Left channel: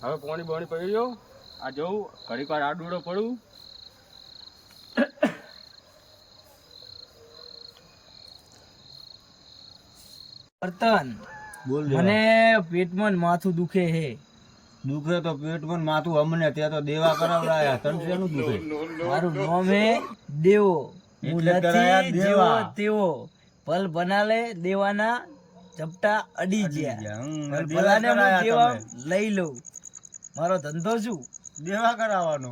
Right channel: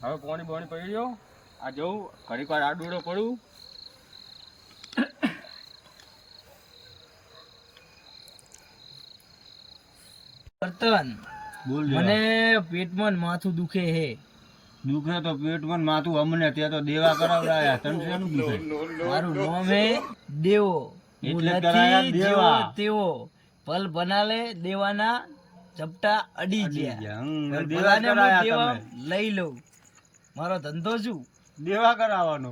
હવે પોણી બોણી પડી ગયો આ જવું ઘડીક વાર આડુડો ડૂડો પડું. વર્તન બોલ મને પેટમાં માથું દુખે હે. દુખે તો પેટમાં ને માથું અમને ત્યાં તો દેવા કરાવડાયા. તને શેનું દુખે? મારું નામ હે દેવો. એટલે કરાયા દેવા. તેવો પલ બનાલે દેવાના ઝપટા અડી ગયા. લઈ લઉં. મારો ધંધો શું? દેવા કરાવવાનો.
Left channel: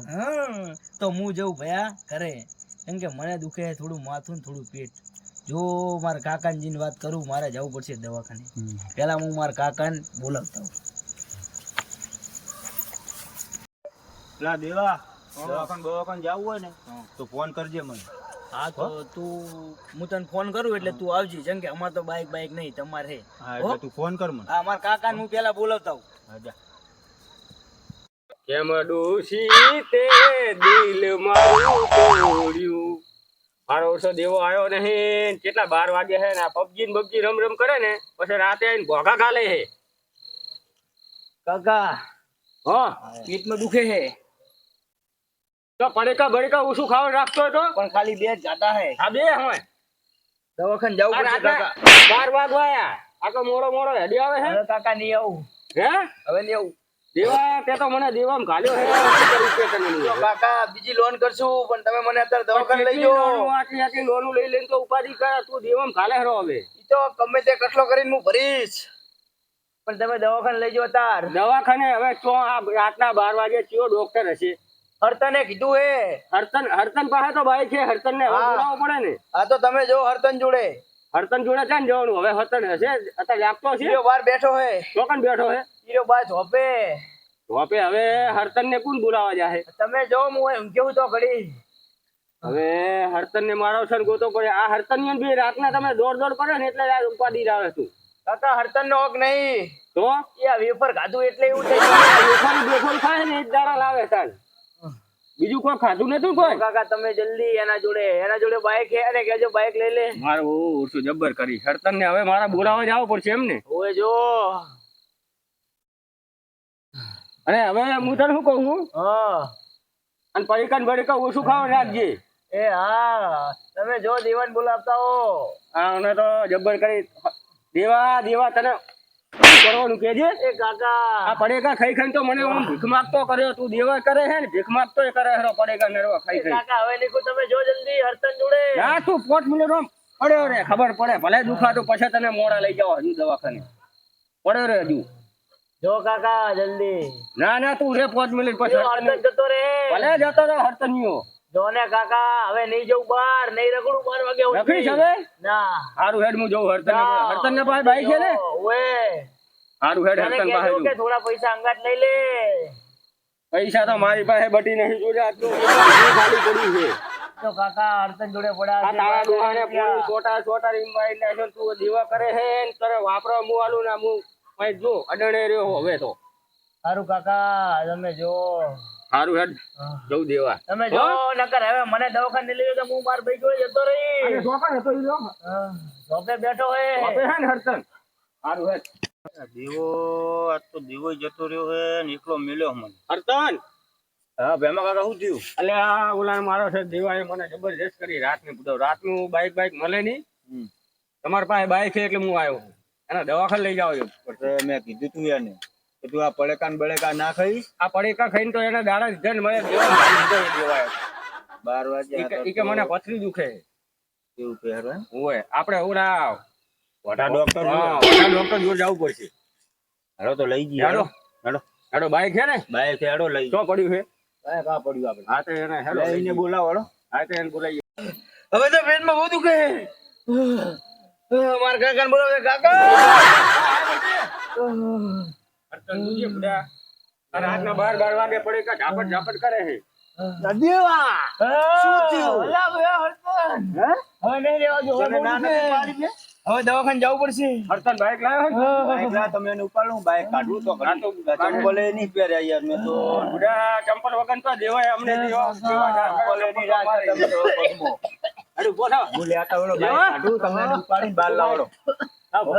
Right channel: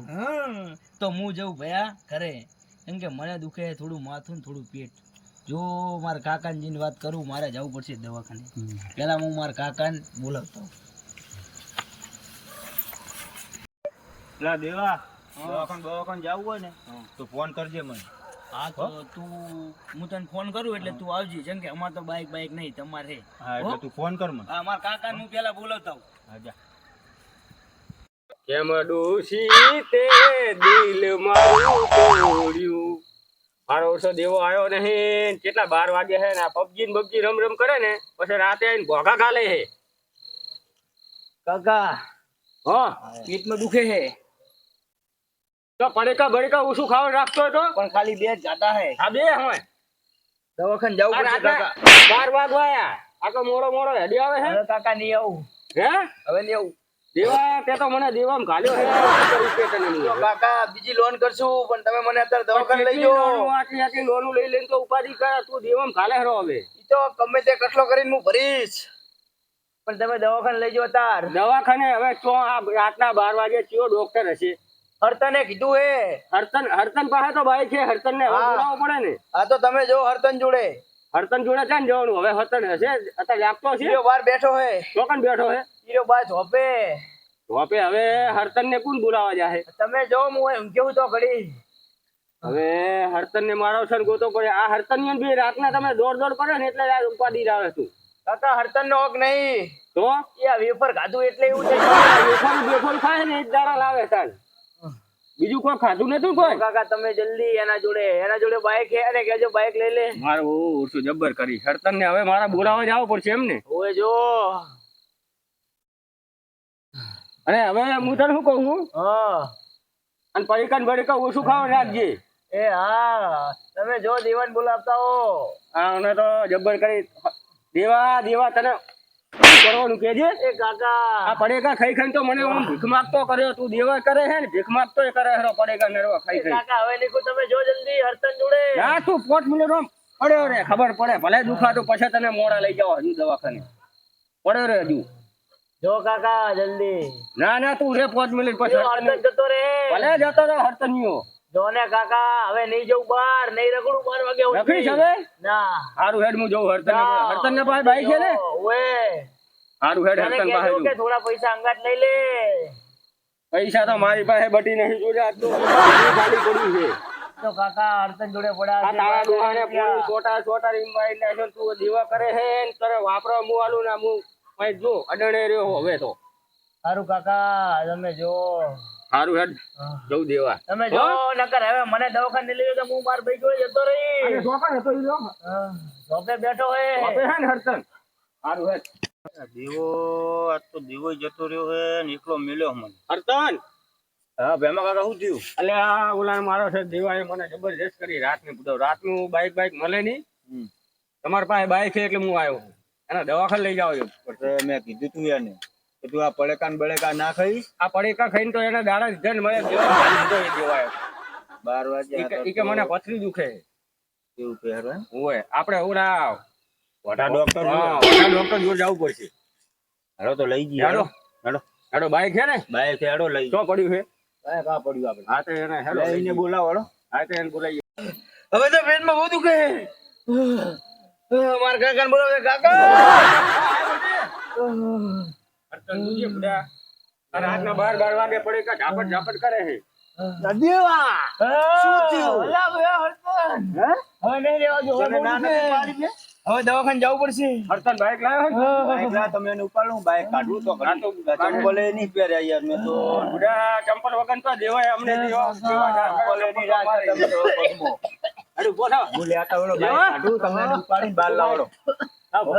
તો હું જઉં ભયા કરે કેમ કે મને દુખે થોડું માથું ને થોડું પેટ. જો મારા કાકાજીની વાત કરું મારે જવું પડશે દવાખાને. પહેલા હું મારા કાકાને બોલાવતા. પેલા દેવા દવાખાને બવાખાને જવું હોય ને તો ફોન કરજે મને. હા તો તું હું તને ફોન કરું એટલે તું આવજી જેમ કે અમાર તો બાઈક બાઈક નહીં તમારે હા એટલે તું ફોન કર મને. હા મારા કાકા હું પેલા બોલાવતા હું જા. કેમ ડોશી તે દિલ મારું તોડ્યું? મારો ઓછો દેવો આવ્યો નહીં. કેટલા બાર વાગે હે ને પબજી ને બબજી રમ રમ કરે ને પછી રાતે આવીને ભોગા ખાલે હે. કાકા હા? પેટમાં દુખે હે. તો પડેકા બડેકા ઓછું ખાવા રાખતો હતો તો? પણ ખાલી બે જાતા હે. આ બે હોય દવાખાને જવું પડશે કાકા. બાર વાગવા આયા આ તો મોડો મોડો હેડી આવે હે. કાકા નહીં આવું. હે? હવે નહીં આવું. દેવા તે તો મને દેવામાં ઘાલ્યો હે. શું કરું કે તને હું? તો કાકા બીજી લોન કરશું પણ તમે મને અત્યારે દવાખાને લઈ જાઓ. આટલી આટલી લોનું લઈ લઈને તો ઉપાધિ કરે તું દેવામાં ઘાલે હરો હવે. ઈ તો ગમે તે કટલો કરીને હું ભરીશ. પણ તમે દવાખાને લઈ જાઓ તાર દવાખાને હવે તો આ રાતના બાર વાગે કયો ડોક્ટર હશે. હરતને કીધું હે હર્તન હરતન પાસે તો ભાઈ છે હર્તન ને બોલાવવો પડે ને. આ તો તમે જો હર્તન જોડે. હર્તન જોડે ક્યાં જવાનું હવે હર્તન હશે અત્યારે આપતો છે. હીરો બાર બેઠો હે. ચોકન બેઠો હે. હીરો બાર ઝોપે. ધોપે હવે હર્તન ને કોણ બોલાવા જાય તમે જો હું એમ કેવું તો ઘડી હવે હર્તન ને મારો છે ગોતો પડે. આ હર્તન ને બી રાતના તમે દોડ દોડ કરે ને એટલે આ ઉપાધિ આવે તું. કાકા હર્તન નો હક નહીં. તો? એ વેફર ખાધું એટલે એવું થઈ વેફર બેફોલ ખાય ને એ જ દાડા લાવે તાર બીજું કોઈ ખાધું નતું કોઈ? કાકા તમે જલ્દી એના જોડે એના જોડે બાઈક હે અને કેજો બાઈક લઈ લે? મારું ઓછું જબ્બર કરી. હરતન ને હવે મારા બોલાવા જાવ પડશે એમ ને ઓએ જો. અને હવે હું તને શું કહું છું હા. અને પડીકન બડીકન ઓછું ખાવા રાખજે. એ હા. તમે જો દીવાન બોલાવતા હો. હા અને તો જબ્બર કરી. દેવા દેવા તને કરવાનું કેજે એ કાકા. આ પડેકા ખાઈ ખાઈને તો મને હું ભીખ માંગતો કર્યો તું દેવા કરે હે ને ભીખ માંગતો કરે હેરો પડેકા નરવા ખાઈ ખાઈ. કાકા હવે નીકળો તમે જો જલ્દી હરતન જોડે. ના તું પોટ મિનિટ રોમ. પડ્યો રે ખબર પડે. ભલે દુખાતું પછી તને મોડા લઈ જાવ હજુ દવાખાને. પડ્યો રે હજુ. જો કાકા જલ્દી. ના ના તું રે પાંચ મિનિટ પછી હરતન જતો રે. ભલે જતો રે હરતનીઓ જો ને કાકા હવે નહીં જવું બાર નહીં રગડું બાર વાગે. રખડીશ હવે? ના. હારું હેડ હું જવું હરતન હરતન ને પાસે બાઈક છે ને? ઓએ. હારું હેડ તને હરતન પાસે કહેજો થોડા પૈસા અંગાત લઈ લે. પૈસા તો મારી પાસે બટી નહીં જોડે આજ તો. ખાલી પડ્યું છે. તો કાકા હરતન જોડે આ તારા દુહાને પૂરું છોટા છોટા રીમ મારી નાખ્યો ને તું દીવા કરે હે ને કરે વાપરો મુ આલું ના મુ કઈ જો અડણે રહ્યો હવે તો. સારું કાકા તમે જો. હારું હેડ જવું દેવા. તમે જો નકર હવે મને દવાખાને લઈ જાઓ તો હું માર ભાઈ જોડે જતો રહી દવાખાને હતો ઈ લોકો. બેઠો હે. હે ને હરતન હારું હેડ. દેવો આ તો દીવો જતો રહ્યો હે ને એકલો મળ્યો મને. અર્તન હા ભેમા કાકા શું થયું? એટલે આ ઓલા મારો છે દીવાએ મને જબરજસ્ત કરી રાતની બધો રાતનું બાઈક બાઈક મળે નહીં. તમારી પાસે બાઈક છે એટલે હું આવ્યો. એના દવાખાને લઈ જાવ મેં કીધું તું એને કે તું આ પડેકા ને બળેકા ના ખાઈ આ પડેકા ખાઈને તો એના દાડા દીધા ને મને દેવા મારી દીધો એ દેવાય બાર વાગે ઈ કે- ઈ કે મને પથરી દુખે. એવું પહેરવા? ઓય આપણે ઓલા વઢા ડોક્ટર હા, ડોક્ટર જોડે જવું પડશે. હેડો તો લઈ જઈએ હેડો. હેડો. હેડો બાઈક છે ને? બાઈક હેડો લઈ શું પડ્યું છે? બાઈક આ પડ્યું આપણે. હા તો એને હેડો લઈને બોલાવો હેડો. હા તો એને બોલાવી હવે તો પેટમાં બહુ દુખે માર કાકા બોલાવે કાકા. રાતના બાર બાર વાગે પડે કે ઝાપટ ઝાપટ કરે છે? દેવા શું થયું? અલા બે હે? હવે નહીં રેવા જો ના પાડી મેં? હવે દવાખાને જવું પડશે. હરતન બાઈક લાવ્યો છે? બાઈક લા તમે એને ઉપાડું બાઈક કાઢવું તો ખરી. ચંપલે નહીં પહેર્યા યાર મેં તો. બધા ચંપલ વગર તો દેવાય અમને. ચંપલે નહીં રાખ્યા તમે તો. પગમો હેડું બોલો હું લેતા ઓલો બાઈક કાઢું તમે ઉપાડીને બહાર લાવડો. હા. બોલ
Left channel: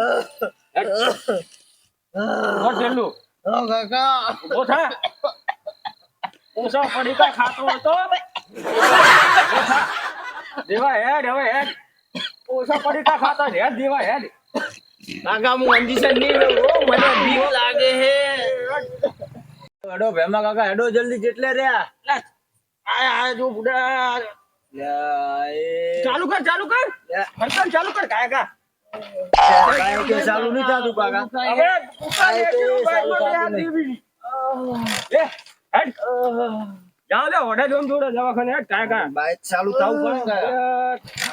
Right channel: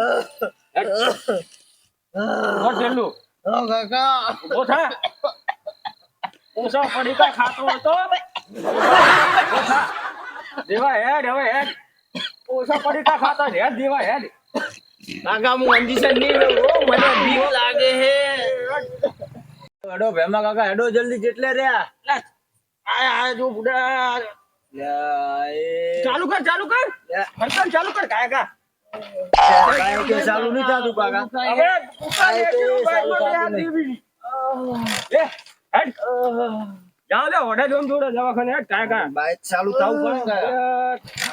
ઓ કાકા. ઊભો થા. પડી કા ખાતો હતો. ઊભો થા. દેવા હેડ હવે હેડ. ઓછો પડીકા ખાતો છે, હેડ દેવા હેડ. કાકા હું અંજીસન નહીં રહું મને બીક લાગે હે. હેડો ભેમા કાકા હેડો જલ્દી જેટલે રહ્યા. આય આય જો બુડા ચાલુ કર ચાલુ કર. હરકત ચાલુ કર કાયકા ચાલુ નહીં થતું કાકા. હવે ચાલુ થતું નહીં. દીધી. લે, ઓઢા જોન જોડે દવાખાને હેડ કાયકા બાઈક ચાલુ થવું પડે કાકા. કાકા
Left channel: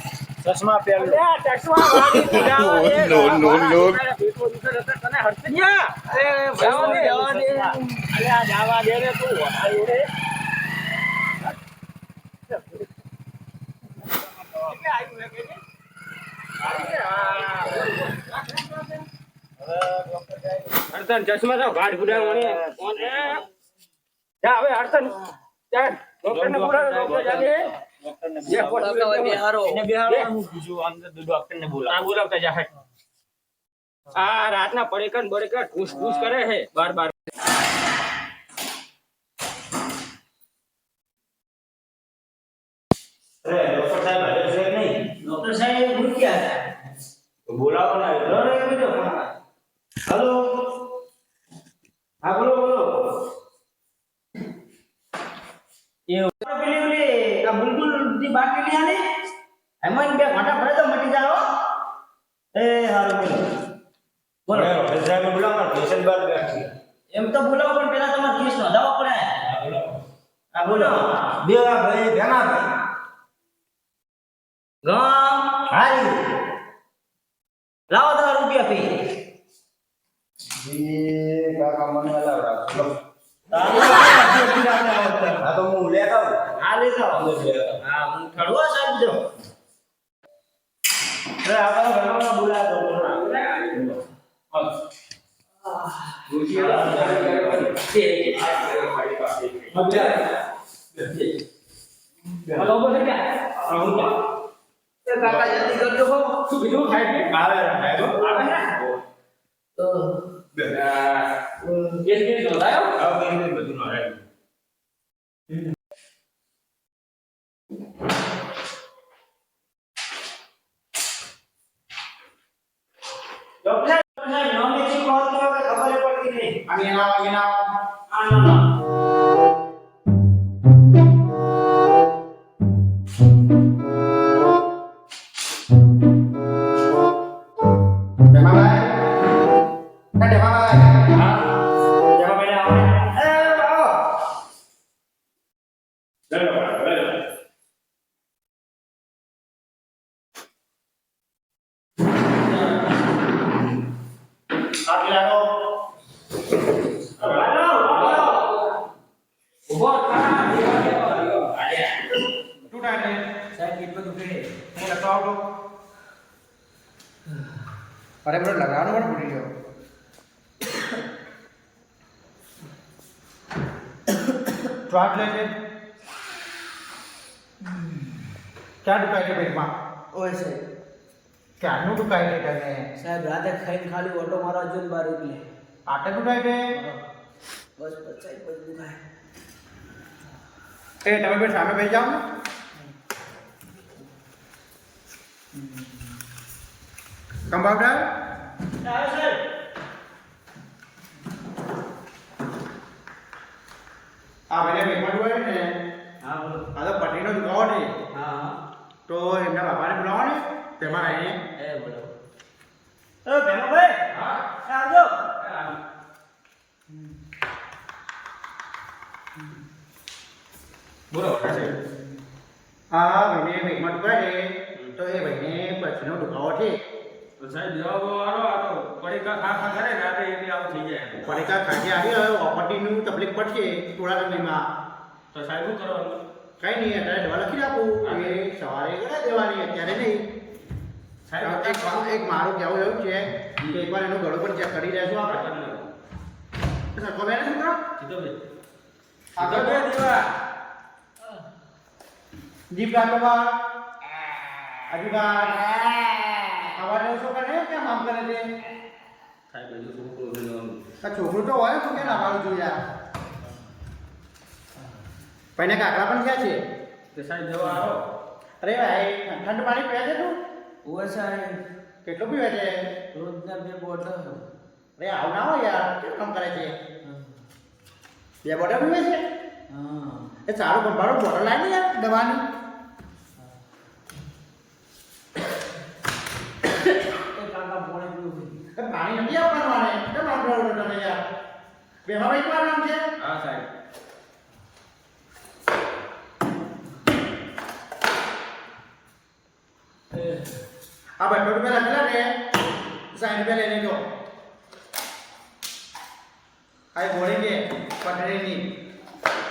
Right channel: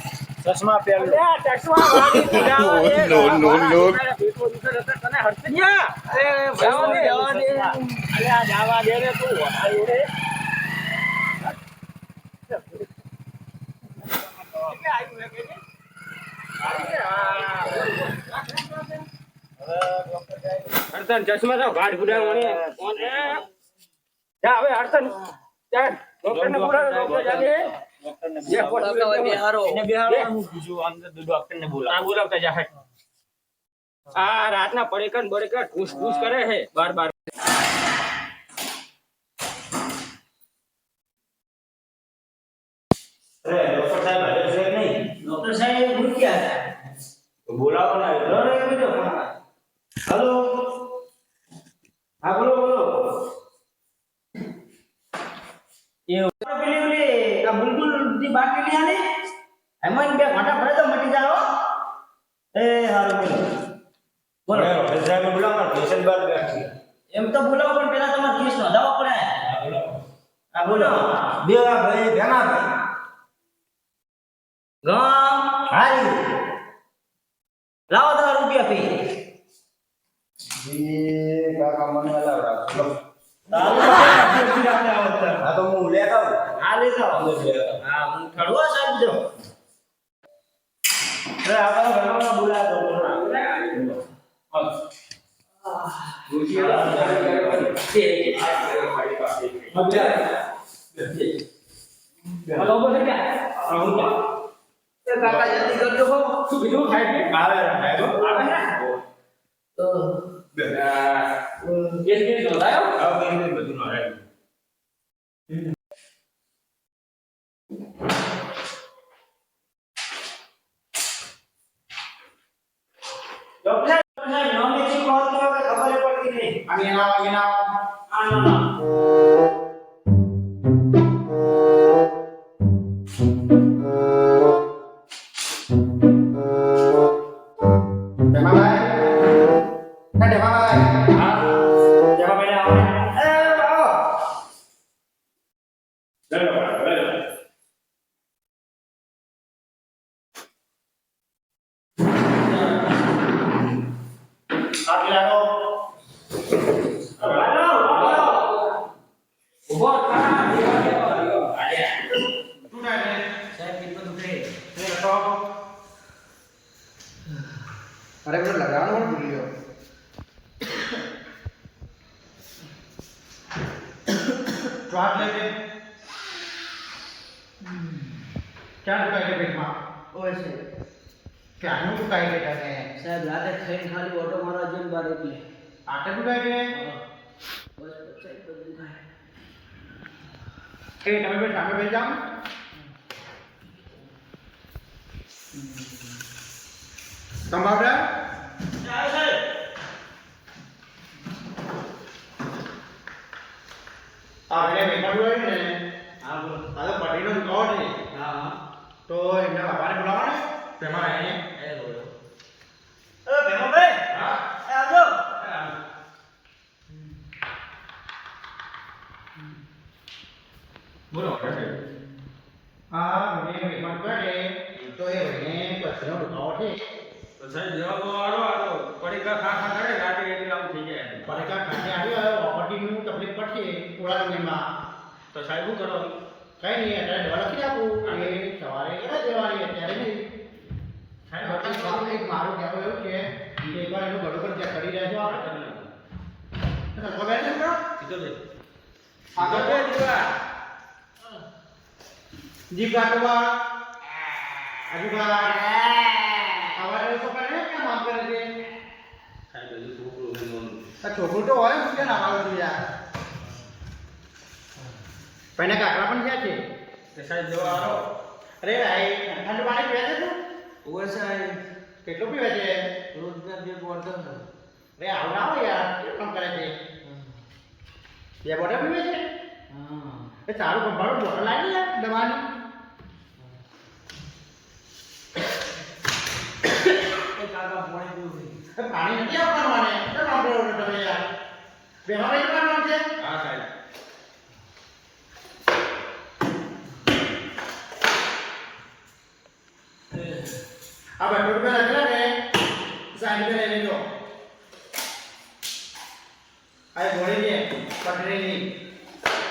ચશ્મા પહેર ચશ્મા વાળી બુઢા વાળી. નો, નો, નો. જવા દે, તું રે. કેટલે આવ્યું હે કે? આવી રે, હા. હરતન ચશ્મા તો ગાઢ. કોને? જા હવે હરતન જા, ડોક્ટરને બોલાવો, ડોક્ટર જાગે. આ રાતના પડેકન બડેકન કરે છે બાર બાર. ડોક્ટર સાહેબ બોલાવો ને. હલો હા બોલો બોલો પેલી ઓલી આ બુલબુલની બાટલી લઈ આને. એમાં બે ઘાટા ભરે તો મટી જાય હો. એ હારું બોલો બોલો બોલો ડોક્ટર સાહેબ બોલાવો પેશન્ટ બાર બેઠા છે એમ તો બોલાવો પણ પહેલા તમારે કેસ નોંધાવો પડે. હા બોલો. બે ભાઈ ભેગા ભાઈ. ગામ. હારી. લાવો તમારા રૂપિયા કાકા મને તાલો રાતે આવો હા તો હું લેતા આવું. હા લઈ જાઓ અંદર લેતા આવું. હા હું ઠડવા સાહેબ જો અરે આપણા ઘરમાં બોલાવો. ડોક્ટર હલો બોલ ગયા એ કાકા જલ્દી કરજો હો શું બીજું થાય છે આવે સાહેબ આવે ને તો કેસ કેસ નોંધાયો અરે મને લગાવવાનું પણ ભૂલી ગયો. શ્વાસ લે છે. ક્યાં દુખાય છે પેટમાં? ઓય છે ક્યાંનું દુખાય છે તને? સાહેબ રાતે ખાઈને ખાલી ઓટો મારા જોઈને બહાર એટલે આટે દુખાય છે? બસ પછી બધું દુખાય. એ તમે બે સામે બેસી જાઓ ને. કંપાઉન્ડર આ પેલા મહેમાન હોય ને? આ તો પટરીનો દુખાવો છે હા હા. તો એમના બાપાને બોલાવો ને? તેમાં આવીને. એ બોલો. એ ભેમાભાઈ. હા. આવજો. બોલો હા ભાઈને પેટમાં દુખાય તો એ ભાઈને પછીનો દુખાવો છે. તો સાહેબ જવાબ આવો આ તો પડીકા ખા ખા કરે રાતે એટલે આવું થઈ જાય. પડીકા ખાતે આવી ઓપરેટિવનું તકલીફ પડશે થોડા સમયમાં તો સાહેબ શું કરવાનું? કઈ નહીં અત્યારે દવા લખી આપું. એ સવારે કરા જવાની અત્યારે નહીં. એક વા- એક મારું કહેવું એવું છે કે એકવાર એનું ગળું પણ ચેક કરી લેજો આપણે. સરખો બેરે શું કરો? આગળ તો જીભ કાઢો બા હજુ બા. આવા જેવું શું કરે કેમ આમ કરે છે? છોકરું તો હોય શું કે નાવાનું યાર પણ કાકડા પણ ક્યાં છે? અરે ભાઈ ઠંડુ પાણી પીવે છે તું? ઓર સાહેબ. કેટલું પીવે છે? રોજના બે બોટલ. અરે આવું ના હોય યાર કેમ કામ કરે છે? બે બોટલ પીવે છે? એ સારું કંપાળું બોટલ લાવી યાર દવાની એ કાકા પોણે પીવું એ પાણી નથી આપવાનું આને કેમ કરો તમે યાર. બેમાં ભાઈ તમારું નામ છે? હા સાહેબ. આ બસો રૂપિયા લખેલા ને સાઠ રૂપિયા લઈ લેજો. આ એ ગોળી છે પટરીની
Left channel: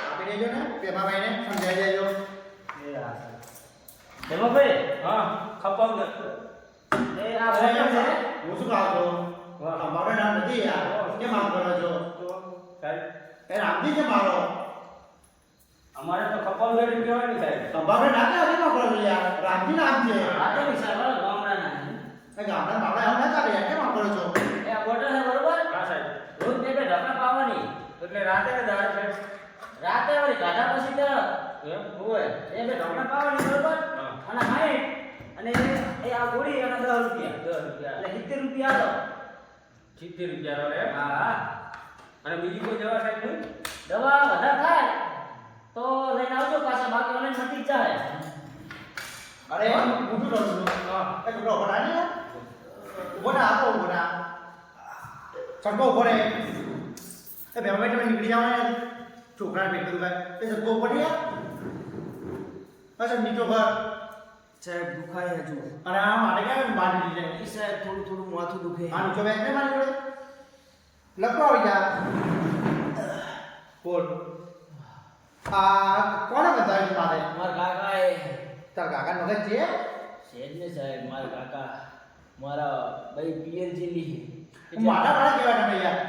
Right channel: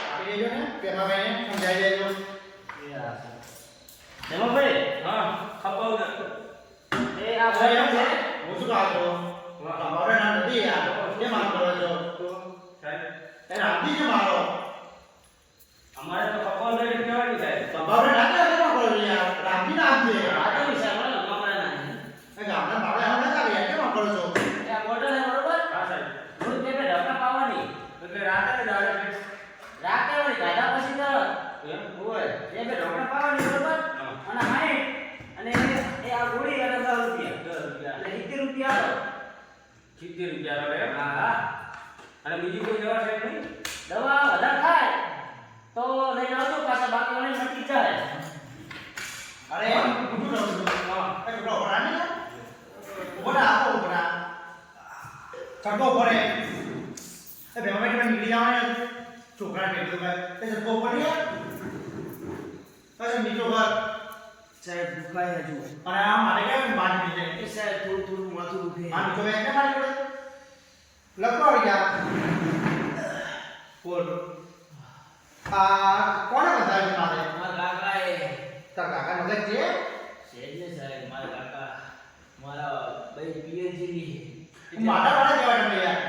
આપી દેજો ને પેમાભાઈને સમજાવી દેજો. એ આ એમાં ભાઈ હા. ખપાવ ને એ આ બોટલ છે. હું શું કહું છું કંપાઉન્ડર નામ નથી યાર. કેમ આમ કરો છો? સાહેબ. એ રામજી છે મારો અમારે તો કપલ રેડી કહેવાની સાહેબ. કંપાઉન્ડર ના કરે કેમ કરો યાર? રામજી નામ છે આ તો વિશાળ ગામડાના એ ગામડા બાબા આમ ચાલે યાર. કેમ કરો છો? એ બોટલ છે બરોબર? હા સાહેબ. રોજ પાવાની એટલે રાતે છે રાતે વળી પછી તો એમ? હોય? એ બે ઢોકળા પાવાની બરોબર? અને હાઈટ અને એ- આ ગોળી અને 10 રૂપિયા. દસ રૂપિયા. એટલે સિત્તેર રૂપિયા આપો. સિત્તેર રૂપિયા આવે? હા હા. અને બીજું કોઈ દવા સાહેબ નહીં દવા વધારે થાય તો લઈને આવજો પાછા બાકી મને મટી જાય. અરે હું? કરું છું હા. એ કપડો ઊભો ના ને ઊભો ના આપો ઊભો ચંગો પડે એ બે મિનિટ નીકળી જવાનું છોકરા નીકળ્યું ભાઈ એ ચડકો ઊભો રે પછી નીચો ઘર. સાહેબ દુખાય હજુ. અને આ મારે કઈ મારી દીધે એ સાહેબ થોડું થોડું માથું દુખે. આમ તો બેંક ને મારી જોડે? લખો આવી જા. બોલ. આ કોણે બતાવ્યું મારે? મારા કાકા એ તાર કાકા મગજ છે? શેઠ ને સાહેબ મારા કાકા. મારા ભાઈ પિયરની મારા વાળા કેવા તમે યાર.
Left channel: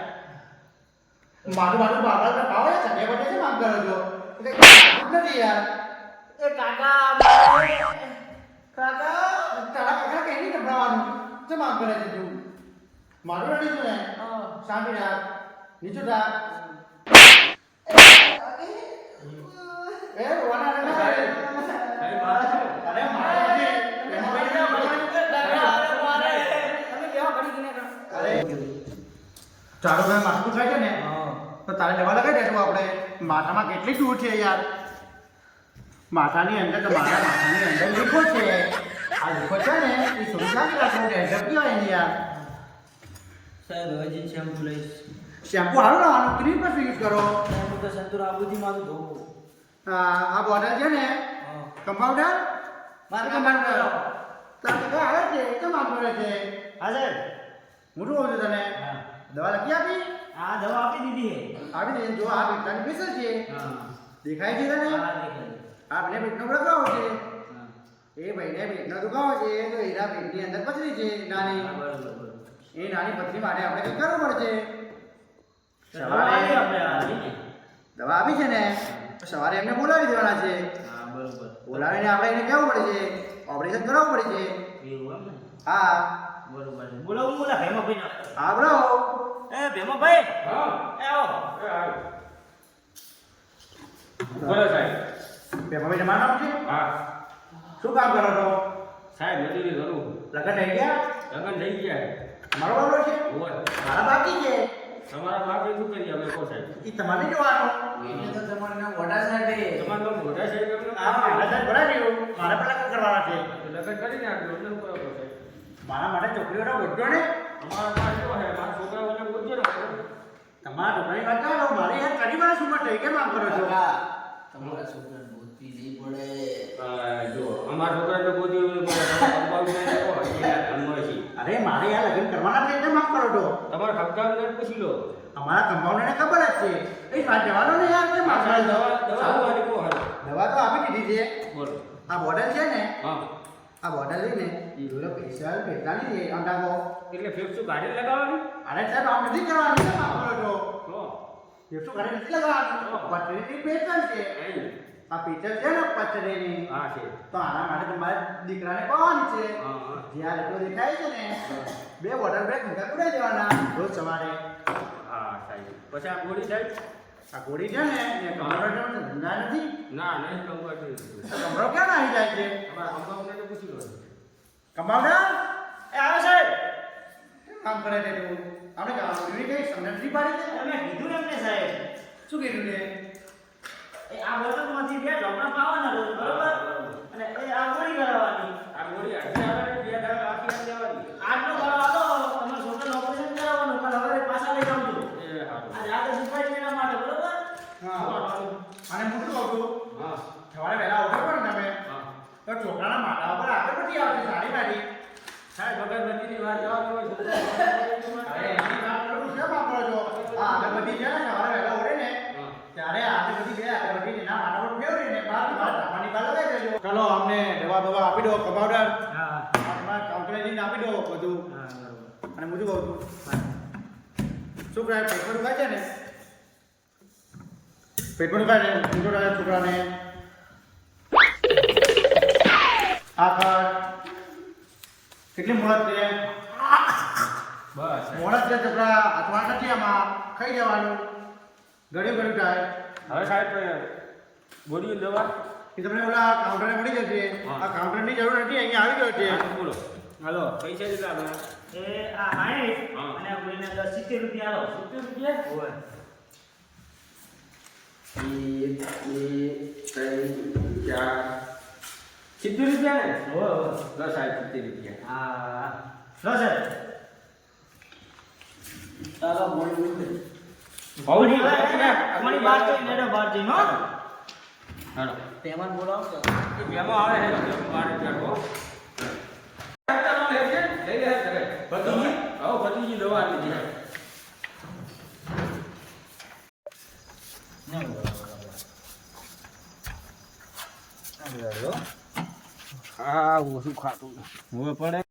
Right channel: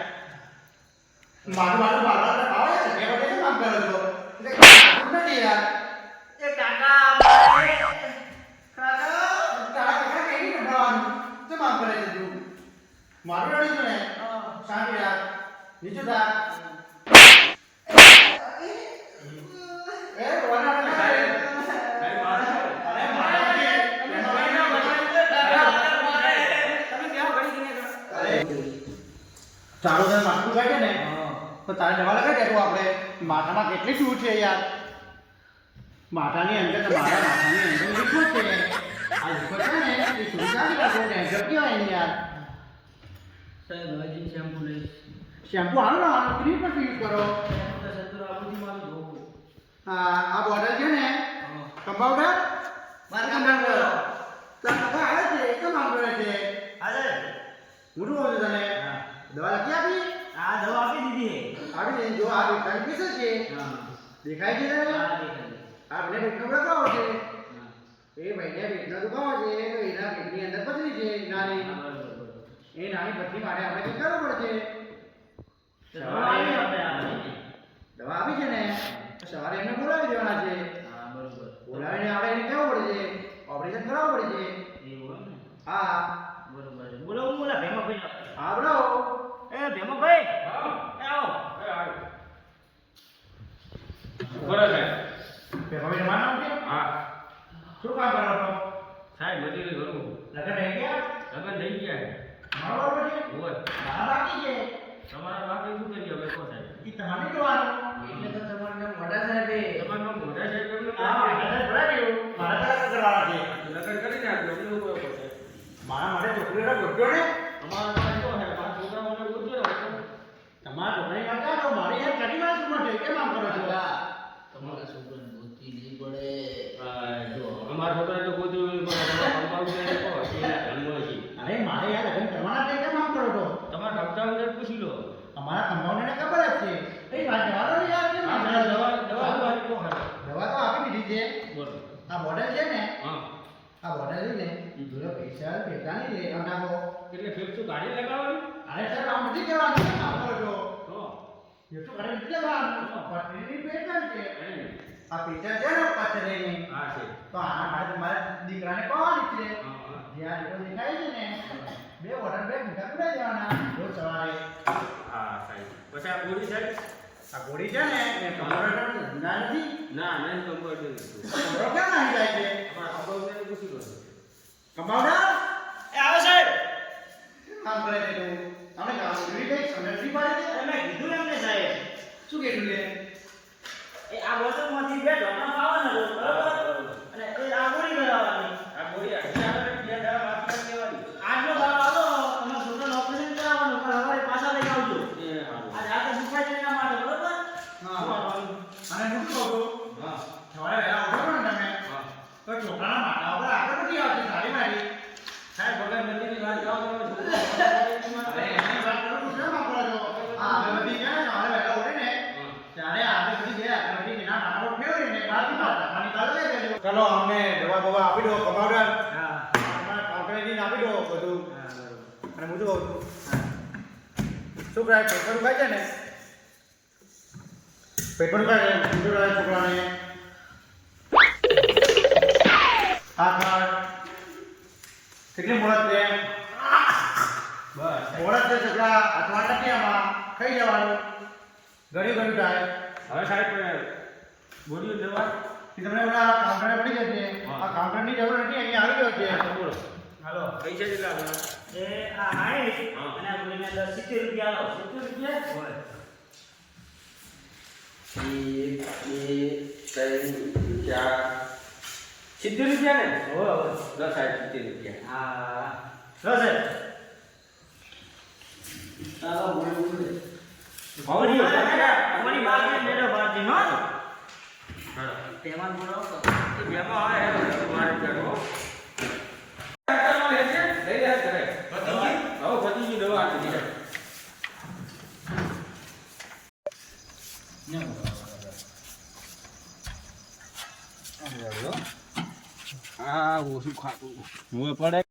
મારું મારું બાબા તો ભાવે છે. બે વખતે કેમ કરો છો એટલે નથી યાર. એ કાકા તારા કાકા કઈ નહીં નભરાવાનું કેમ કરે છે તું? મારું રડી છે ને. શાંતિ નીચું એ અરે મારા. અરે તારું તને માથું ખાય છે ને? તો તારે લેવા લગાવી દેતું આપણે. માથામાં કેટલી દૂર છે યાર. માથાની અંદર તો માથા માથાની અંદર લીખો છે. આ લીખો છે. ને એ સુરક્ષા કહેવાય ડેન્ડ્રફ કહેવાય ને યાર સાહેબ હજી શેમ્પુ લઈશ શેમ્પુ હાલો ને આનો ક્રીમ પર યુઝ કરો સાહેબ તો સંતુર આબુથી મારું ધોવું આ આ બોટલ છે. ને કમ્પાઉન્ડર મારે કમ્પાઉન્ડર તાર આવે છે એ કેમ આમ કરે છે હા હું શું કહું છું તને દવા લખી આપી આ દવા આપી દીધી આવી જો આ બેટાની પીસલ છે દેખાય છે. તને હા દેખાય આ હા એ ભાઈને પેટનો દુખાવો છે તો એના પેટની અંદર પથરી છે નાની. એ નાની પથરી માટે આપણે કંઈક કરવું પડશે? સવારે દવા આપી? છે ને? સવારે એમને બોલાવી દેવાના છે. બોલાવીને આપણે એને કહેવું પડે છે ઓપરેશન કરાવવું પડે છે. હા. બરોબર બોલાવું બોલા ભેમાભાઈ હા બ્રો એ ભેમાભાઈ હા. એ આવો. એ આવે. બોલો સાહેબ. પેપા તમારું નામ છે? હા. શું કામ કરો છો? સાહેબ મજૂરી કરું લગન થઈ ગયા? લગન થઈ ગયા મારો બાબો છે? હોય. મારા બાકી છે? તમારા બાકી શું કરીએ અમે કહો સાહેબ. એ તમારે જોવાનું. એટલે તો તમારું નામ મોટા સાહેબ તમારું નામ મોટા સાહેબ એમનું? હા મોટા સાહેબ ભરાવ્યું મારે પાસે કરવાના છે. લગન કરીને આપ્યું અમને શું સાહેબ. મારા માટે છોકરીઓના બોલજો ને? અમારા પાસે તો છે મારા છોકરાઓને પૂછજો ને તમારા છોકરી વાત ચાલો મારે યાર કરી વાર શું માટે કેમ આમ કરો છો? તમારા છોકરાને બોલતી નહીં પડે. અમારા છોકરા તો ગોતી છે અરે મારે યાર લગ્ન કરવાના છે કેમ આમ કરો છો તમારા કમ્પાઉન્ડરને પૂછી લો અમારા કમ્પાઉન્ડરને ખબર જ છે એ વાત જવાનો ને યાર કે માફ કરો દવા દવા તો આપી દીધી છે બોલો આ બોટલ છે ને હા આ બોટલ લઈને જોડે પૈસા નહીં રે અંડાગો એટલે ફેફસું ગાડી લગાવવાનું અરે સાહેબ આમ નથી કરવાનું માફ કરો તો ફેફસું ગાડી નથી લગાવવાનું પટરી પેટર્ન છે. આ પીટર છે ને પથરીની હા છે. તો આના માટે તમારે દીકરાને કહેવાની છે જ્યાં એટલો દેખાય છે ને બે બોટલ બ્રેક ઊંધા કુડાઈ દેવાના રોજ સવારે. હા સાહેબ. પછી આ ગોળી સાહેબ? આ ગોળી છે ને એ કમ્પ્યુટર ધંધા નથી. ના ના નહીં. કમ્પ્યુટર ક્યાં આવી જાય છે? કમ્પાઉન્ડરને પૂછી લો એ આવે સાહેબ કામ કરે છે તું? આપણે કરી કઈ સમજ નથી પાડી? તમે કીધું એમને સાહેબ. શું કીધું છે? એ આ વસ્તુમાંથી બે ઢોકળા ખાવાના રોજ બરોબર? અને એ આ ગોળી કરાવવાની આ ગોળી હજી આવે ને બે દાડા બાકી આ લેવાની. આટલો દાડો હતો તમારા છોકરાને ઓપરેશન કરાવવાનું પણ હવે પાછા લઈ આવજો એ હારું. આ જાતે સુખાય છે એના માટે બરોબર હા અને હું શું કહું છું હા સવારે વહેલા ઉઠો ને તમે હા તો છોકરાના માથા ઉપર આગળ પછી આવશે સારી મારી સાહેબ વગર નદીની વાત જવા દો ને છોકરો. અરે એની વાત કરું છું શેમ આમ કરો છો આ આગળબત્તી છે ને સવારે વહેલા ઉઠે ને હા. ત્યારે આગળબત્તી બે આગળબત્તી એના માથા પર ફેરવીને બહાર મારા ધાબાની બહાર લગાવી દેજો દવા બવા આપી દો કમાવડાર હા તમારા આપી દો બધું. અને હું શું કહું છું. શું કરાય પેપર ઉગાય છે ને? પેપર ઉગાય છે બીજો છોકરાને? આકાર કર કેટલી મોડત છે? બસ. મોડત છે છોકરા. હાથમાં નથી આમાં. ખાઈ જવાનું ઘડી ઘડી થાય. હવે સાહેબ ગોળીઓ દવા એ તમને ઓલા કાઉન્ટરે મળી જશે. આ કાઉન્ટરની જરૂર નથી અહીંયા આવી ગયો છે. હાલો. પૈસા કેટલા આપણા એ આ હાઈટ હા. અને આ બોલીને દસ સિત્તેર રૂપિયા આવો 70 રૂપિયા? હોય એક બે ત્રણ ચાર સિત્તેર રૂપિયા ને? હોય હોય દસ સાહેબ સિત્તેર રૂપિયા. હા. લો સાહેબ તારો મોડી મોડી ભાવજી, તમારી પાસે મેળો બારજી હો. હાલો. પેમેન્ટ બોલાવો તો મેમો આવે મારે ચડો લઈ લે ઘરે? હવે ભત્રીજી દવા આપી દીધી હા ઓછું ખાતું? હવે પડે.